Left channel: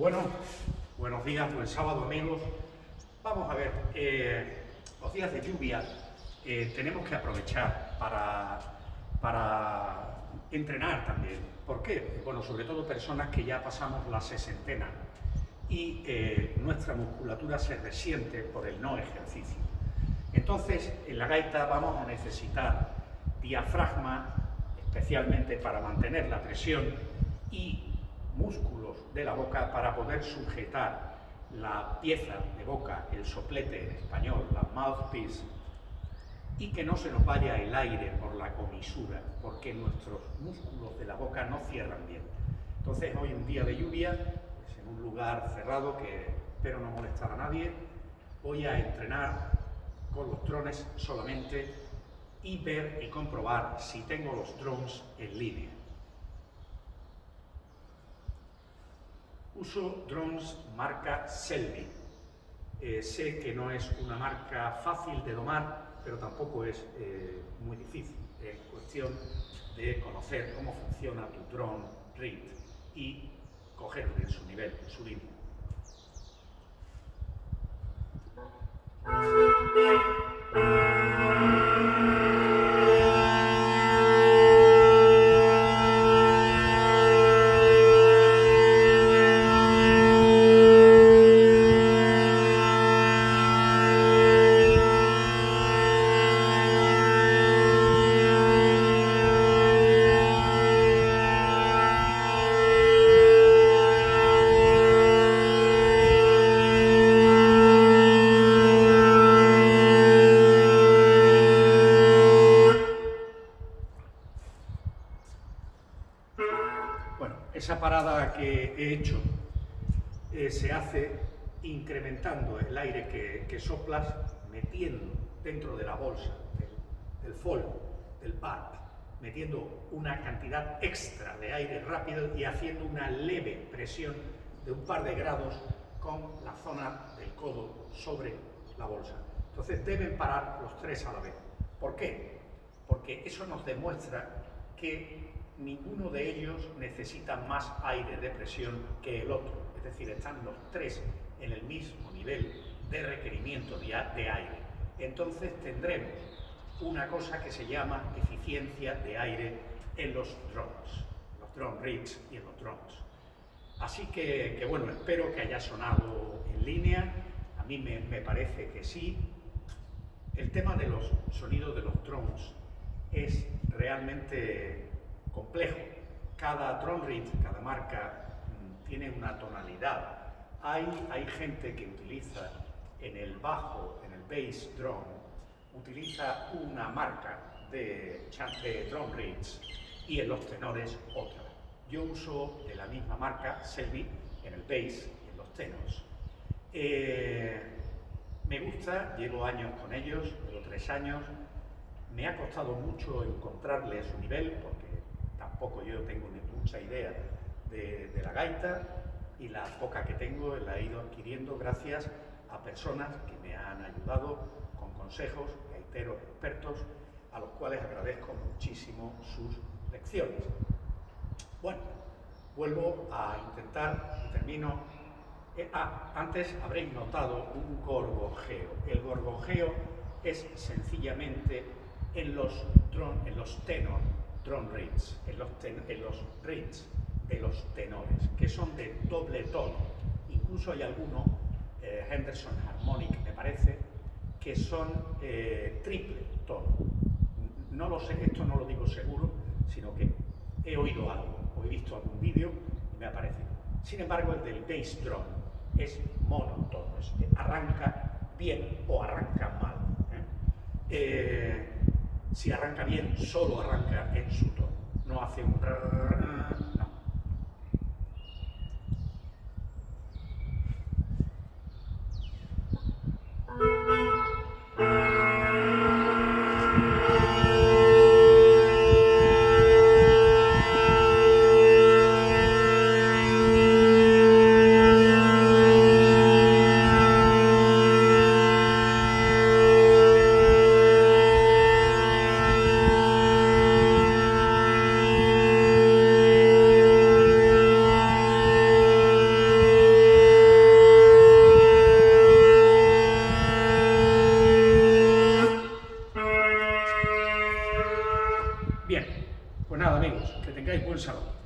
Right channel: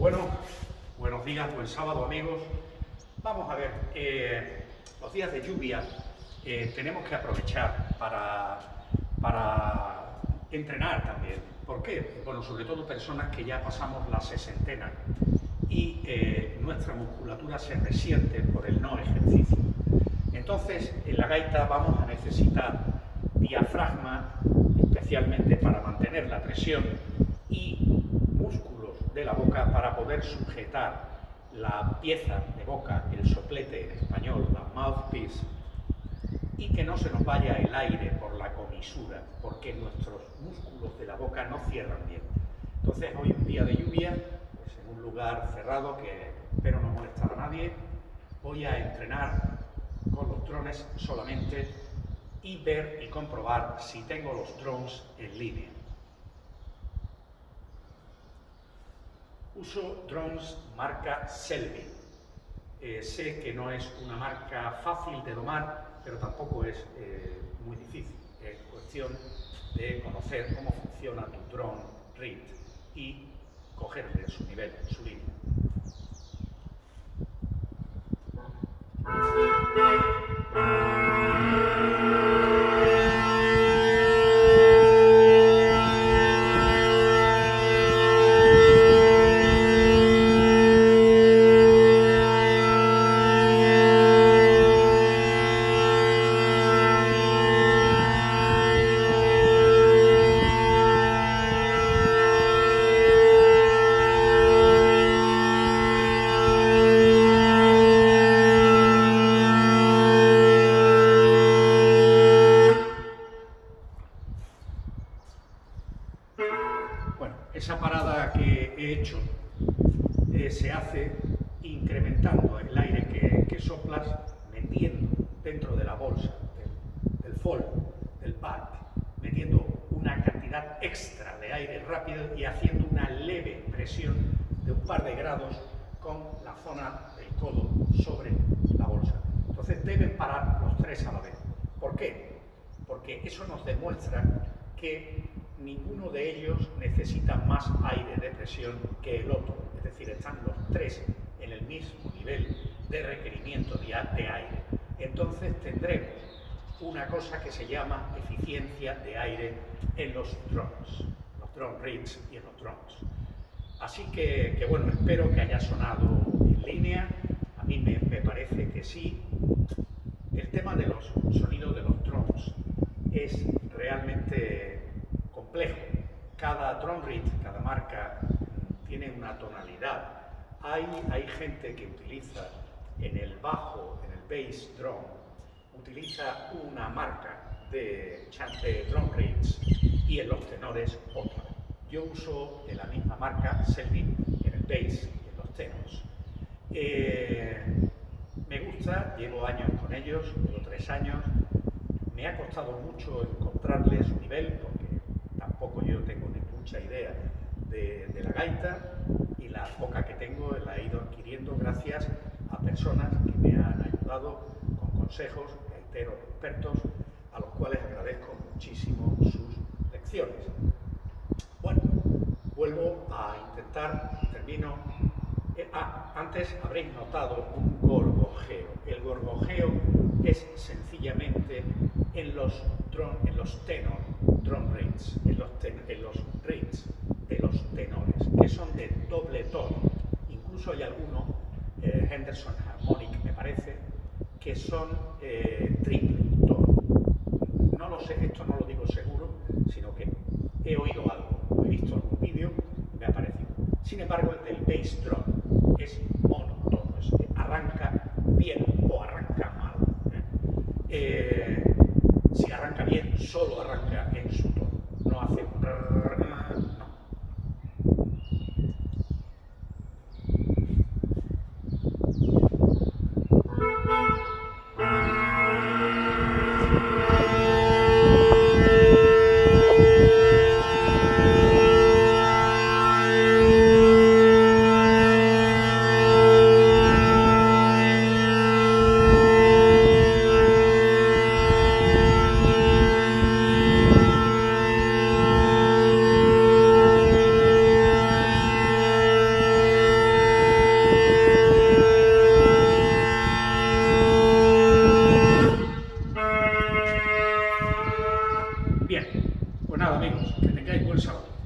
Bueno, buenos días, buen sábado amigos. Vamos a ver, los días de lluvia tenemos que aprovechar para entrenar también. ¿Por qué? Bueno, sobre todo personas que ya pasamos la sesentena y nuestra musculatura se resiente por el no ejercicio. Entonces, en la gaita vamos a necesitar diafragma, especialmente para mantener la presión, y músculos de la boca para poder sujetar la pieza de boca, el soplete en español, la mouthpiece, y que no se nos vaya el aire por la comisura, porque nuestros músculos de la boca no cierran bien. Entonces, hoy un día de lluvia, pues en un lugar cerrado que espero no molestar a nadie, voy a entrenar con los drones solamente y ver y comprobar si tengo los drones en línea. Uso drones marca Selby. Sé que no es una marca fácil de domar, pero tampoco es muy difícil. Es cuestión de conocer cómo funciona tu drone read y cogerle su nivel, su línea. Bueno, esa parada que he hecho se hace incrementando el aire que soplas, metiendo dentro de la bolsa, del fold, del pad, metiendo una cantidad extra de aire rápido y haciendo una leve presión de un par de grados con la zona del codo sobre la bolsa. Entonces deben parar los tres a la vez. ¿Por qué? Porque eso nos demuestra que ninguno de ellos necesita más aire de presión que el otro. Es decir, están los tres en el mismo nivel de requerimiento de aire. Entonces tendremos una cosa que se llama eficiencia de aire en los drone reads y en los drones. Así que bueno, espero que haya sonado en línea. A mí me parece que sí. El tema de los sonidos de los drones es realmente complejo. Cada drone read, cada marca tiene una tonalidad. Hay gente que utiliza en el bajo, en el bass drum, utiliza una marca de drone reads y en los tenores otra. Yo uso de la misma marca, Selby, en el bass y en los tenors. Me gusta, llevo años con ellos, llevo 3 años. Me ha costado mucho encontrarle su nivel porque tampoco yo tengo ni mucha idea de la gaita, y la poca que tengo la he ido adquiriendo gracias a personas que me han ayudado con consejos, gaiteros expertos, a los cuales agradezco muchísimo sus lecciones. Bueno, vuelvo a intentar, termino. Antes habréis notado un gorgojeo. El gorgojeo es sencillamente en los tenor drone reads, en los reads de los tenores, que son de doble tono. Incluso hay algunos, Henderson Harmonic me parece, que son triple tono. No lo sé, esto no lo digo seguro, sino que he oído algo, he visto algún vídeo y me ha parecido. Sin embargo, el del bass drum es monotono, arranca bien o arranca mal. Si arranca bien, solo arranca en su tono, no hace un no. nada, amigos, que tengáis buen sábado.